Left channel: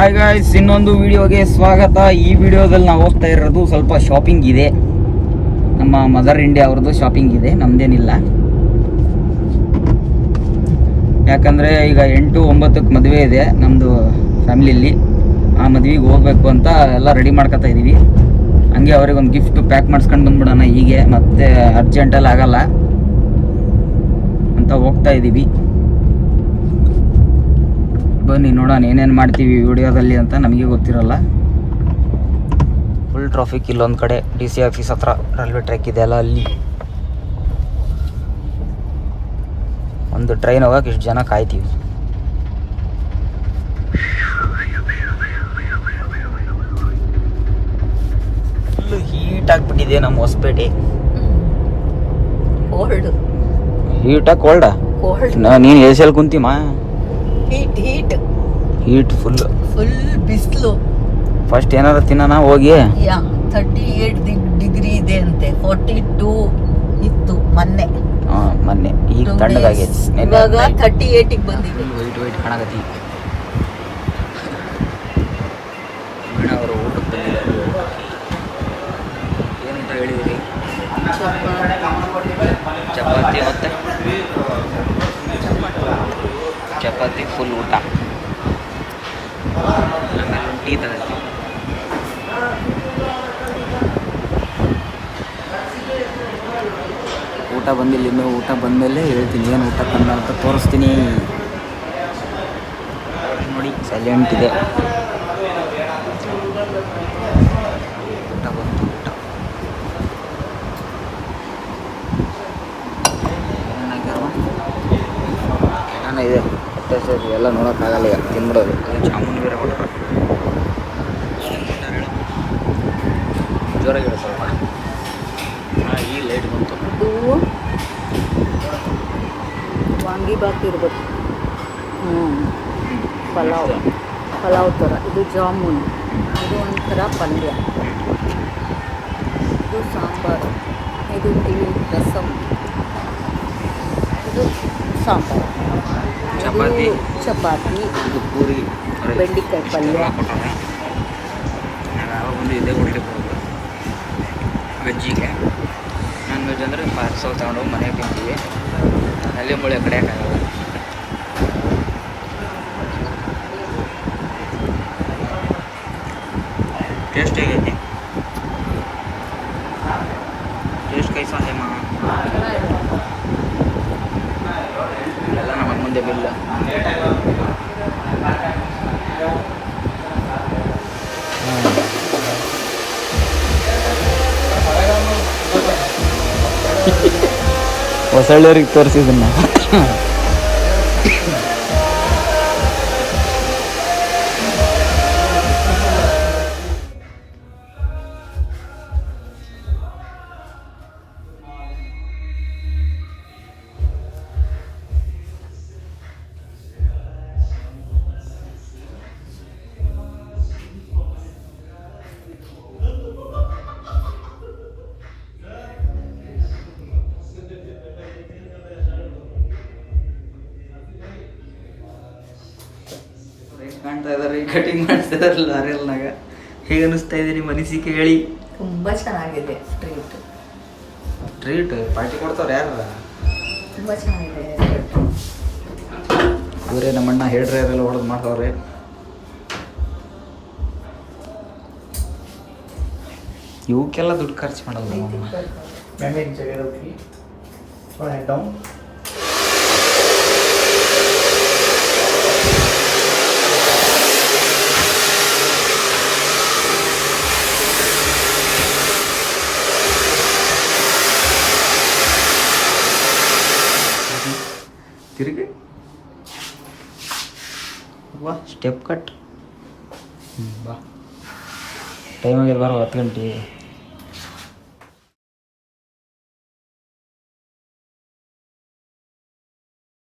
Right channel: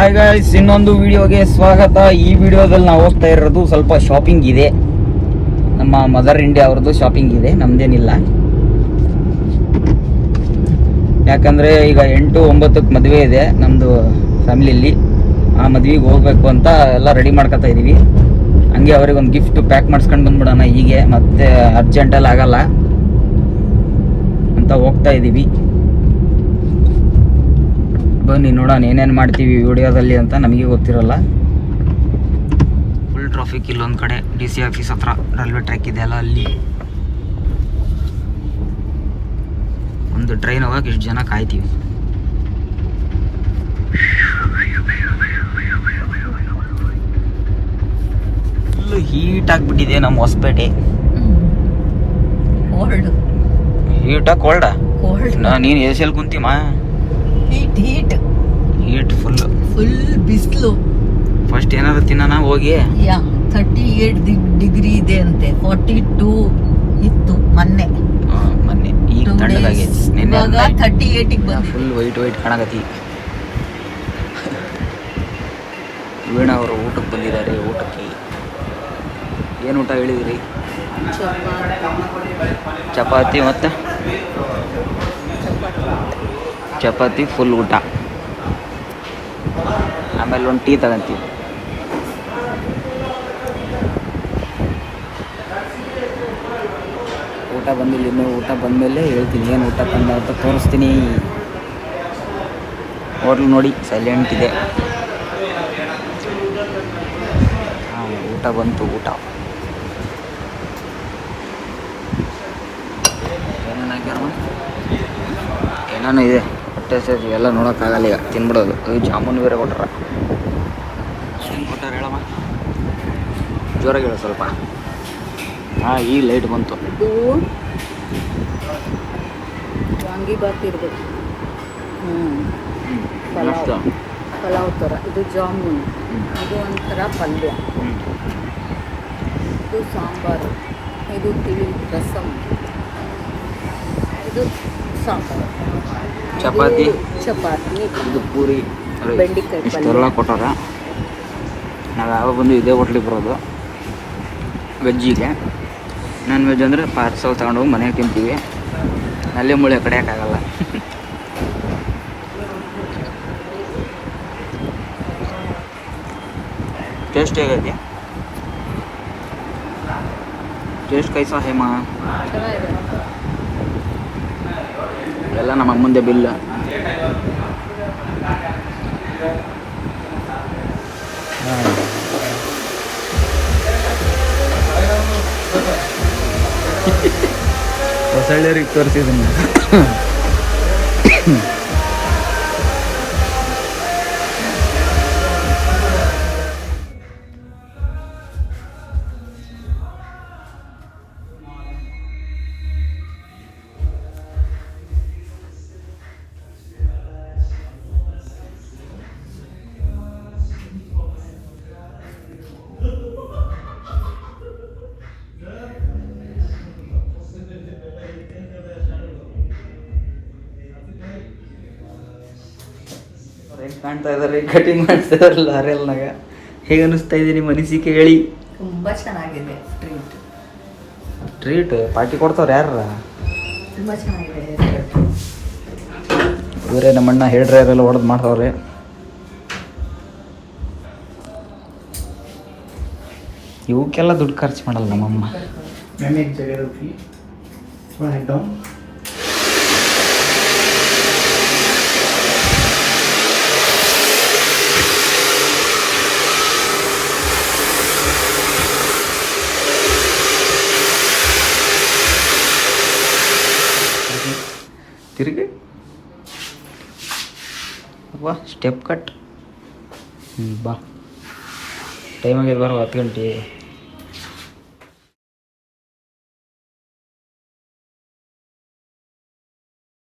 Hi guys, ಇನ್ನೊಂದು ವಿಡಿಯೋಗೆ ಸ್ವಾಗತ. ಈ ವಿಡಿಯೋದಲ್ಲಿ ನಾವು ಹೋಗ್ತಾ ಇರೋದು ಸ್ವಲ್ಪ ಶಾಪಿಂಗ್ ಇದೆ. ನಮ್ಮ ಮದರ್ ಇಂಡಿಯಾ ಅವ್ರದ್ದು ಶಾಪಿಂಗ್ ಇದೆ, ನಮ್ದೇನಿಲ್ಲ. ಯಾಕಂದ್ರೆ ಈಗ 8-9ಕ್ಕೆ ಮದುವೆ ಇದೆ ನಮ್ದು ಫ್ಯಾಮಿಲಿಯಲ್ಲಿ. ಆ ಮದುವೆಗೆ ಹೋಗ್ಬೇಕು ಅಂತ ಎಲ್ಲ ರೆಡಿ ಮಾಡ್ಕೊತಾ ಇದೀವಿ. ಹಂಗೆ ಅವ್ರಿಗೆ ಒಂದು ಗಿಫ್ಟ್ ಪ್ಯಾಕ್ ಮಾಡಿಸ್ಕೊಂಡು ಬಂದ್ಬಿಡೋಣ, ಹೀಗೆ ಮತ್ತೆ ಅರ್ಜೆಂಟಲ್ಲಿ ಆಗಲ್ಲ ಅಂತ ಹೋಗ್ತಾ ಇದೀವಿ. ಬನ್ನಿ ನೋಡೋಣ ಏನೇನು ಮಾಡ್ತೀವಿ ವಿಡಿಯೋದಲ್ಲಿ ಅಂತ. ನಮಗೆ ಗೊತ್ತಿರಲ್ಲ. ಫುಲ್ ಟ್ರಾಫಿಕ್ ಇಲ್ಲೊಂದು ಕಡೆ DC ಆಫೀಸ್ ಹತ್ರ ರೈಲ್ವೆ ಟ್ರ್ಯಾಕ್ ಇದೆ ಅಲ್ಲ, ಅಲ್ಲಿ ಒಂದು ಟ್ರೈನ್ ಹೋಗಕ್ಕೆ ಇಷ್ಟು ಜನ ಕಾಯ್ತೀವಿ. ಫುಲ್ ಹೀಟ್ ಆಗಿಬಿಟ್ಟಿದೆ ನಮ್ಮ ಹೊಸಪೇಟೆ. ಹೀಟಾ ಕೋಲ್ಡಾ? ನೀನು AC ಅಲ್ಲಿ ಕುಂತೀಮ? ಹೀಟ್ ಫುಲ್ ಬಿಸಿಲು. ಫಸ್ಟ್ ಏನಾದ್ರು ತಿನ್ನೋಣ ಹೋಗಿ. 38 ಡಿಗ್ರಿ ಇದೆ ಅಂತೆ. 42 ಇತ್ತು ಮೊನ್ನೆ. ಈಗ ತಣ್ಣಗಾಗೈತಿ. ಇವಾಗ 38 ಫುಲ್ ವೈಟ್ ಕಾಣಕತ್ತಿ. ವೀಣಾ ಅವರು ಏನು ಊಟ ಹೇಳಿದಿರಿ? ಚಪಾತಿ ಮತ್ತು ಚಪಾತಿ ಫುಲ್ ಊಟ. ಆಮೇಲೆ ಒಂದು ಟೀ ತಗೊಂತೀವಿ. ಊಟ ಬಂದಿಲ್ಲ ಇನ್ನೂ. ಊಟ ಬಂದಮೇಲೆ ಹೇಳ್ತೀನಿ ಏನು ಊಟ ತಂದ ಅಂತ ತೋರಿಸ್ತೀನಿ. ಹೋಟ್ಲು ನೋಡಿ ಸೈಲೆಂಟ್ ಇದೆ. ಊಟ ಬಂತು. ಊಟ ಏನೇನು ಹಾಕ್ಯಾರಮ್ಮ? ಏನೇನು ಇದೆ ಎಲ್ಲ ನೋಡೋಕ್ಕಾಗಲ್ಲ. ತಿಂಗಳು ಅದು ಜಾಮೂನು ಬೇರೆ ಕೊಟ್ರ. ಏನು ಕೊಟ್ಟಾರ ಹೇಳಮ್ಮ? ಜೋರಾಗಿ ಹೇಳಿ ಸ್ವಲ್ಪ. ಈ ಲೈಟ್ ಬಂತು. ಇದು ವಾಂಗಿಬಾತ್ ಇರ್ಬೇಕು. ಪಲಾವ್ ಥರ. ಇದು ಜಾಮೂನು. ಇದು ಒಂಥರ ಪಲ್ಯ. ಇದು ಸಾಂಬಾರು. ಇದು ತಿಳಿ ರಸಮ್. ಇದು ಸಾಂಬಾರು. ಚಪಾತಿ. ಇದು ಪೂರಿ, ಬೆಂಡೆಕಾಯಿ ಪಲ್ಯ ಕೊಟ್ಟಾರ. ನಾವು ಯಾವಾಗ ಬಂದು ಇದೇ ಹೋಟ್ಲಿಗೆ ಬರೋದು. ವೆಜ್ಜಿಗೆ ನಾನ್ ವೆಜ್ ಅಂದರೆ ಪಾರ್ಸಲ್ ತಗೊಂಡು ಮನೆಗೆ ತಿಂತೀವಿ. ಅಲ್ಲೇ ಮುಳೆ ಕಡಿಯೋಕ್ಕಾಗಲ್ಲ. ಟೇಸ್ಟ್ ಹೇಗೈತಿ? ಟೇಸ್ಟ್ ಕೈಸಾ ಹೇಮ? ಎಲ್ಲ ನಮ್ಮ ಮುಂದೆ ಬಿಲ್. ಹೊಸಳ್ಳಿಯವ್ರಿಗೆ ತೋರಿಸಿದನ್ನ. ಕಾಣ್ತಾ ಇದಾರೆ, ಕಟಿಂಗ್ ಮಾಡ್ತಾ ಇದಾರೆ ಲಾರಿಯಲ್ನಾಗ. ಹೇಗೆ ಅನಿಸ್ತಾ ಇದೆ ನಿಮ್ಮ ಅನಿಸಿಕೆ ಹೇಳಿ? ತುಂಬಾ ಚೆನ್ನಾಗಿದೆ. ಟ್ರೀಟ್ ಪಾರ್ಟಿ ಕೊಡ್ತಾವ್ರು ಯಾರ? ತುಂಬಾ ಚೆನ್ನಾಗಿದೆ. ಇವರೇ ನಮ್ಮಣ್ಣ ಹೇರ್ ಡ್ರೈಯರ್ ಎಲ್ಲ ಹೊಡೆದು ಮಾಡ್ತಾವ್ರೆ. ಇವಕ್ಕೆಲ್ಲ ದುಡ್ಡು ಖರ್ಚು ಮಾಡಲ್ಲ ನಮ್ಮಮ್ಮ. ತಿರುಗಿ ವಾ ಸ್ಟೆಪ್ ಕಟ್. ಬಾ ಟೈಮ್ ಆಗಿಲ್ಲ, 10 ಗಂಟೆ.